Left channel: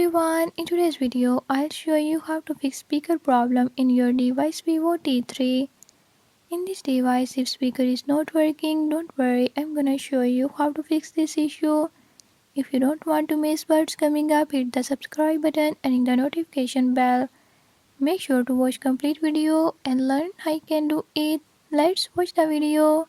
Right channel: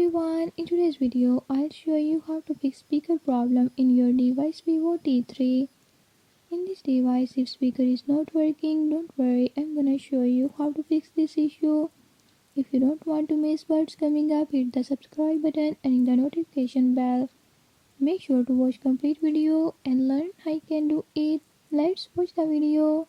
everyone, in today's video I'll show you how to fix speaker problem in your device Vivo T3. In this device if speaker is not working, don't worry, I'm gonna show you how to fix this issue. If you don't want to miss what's coming up, hit the subscribe button and hit the notification bell. Make sure to watch complete video and learn how you can do it. Let's watch the video.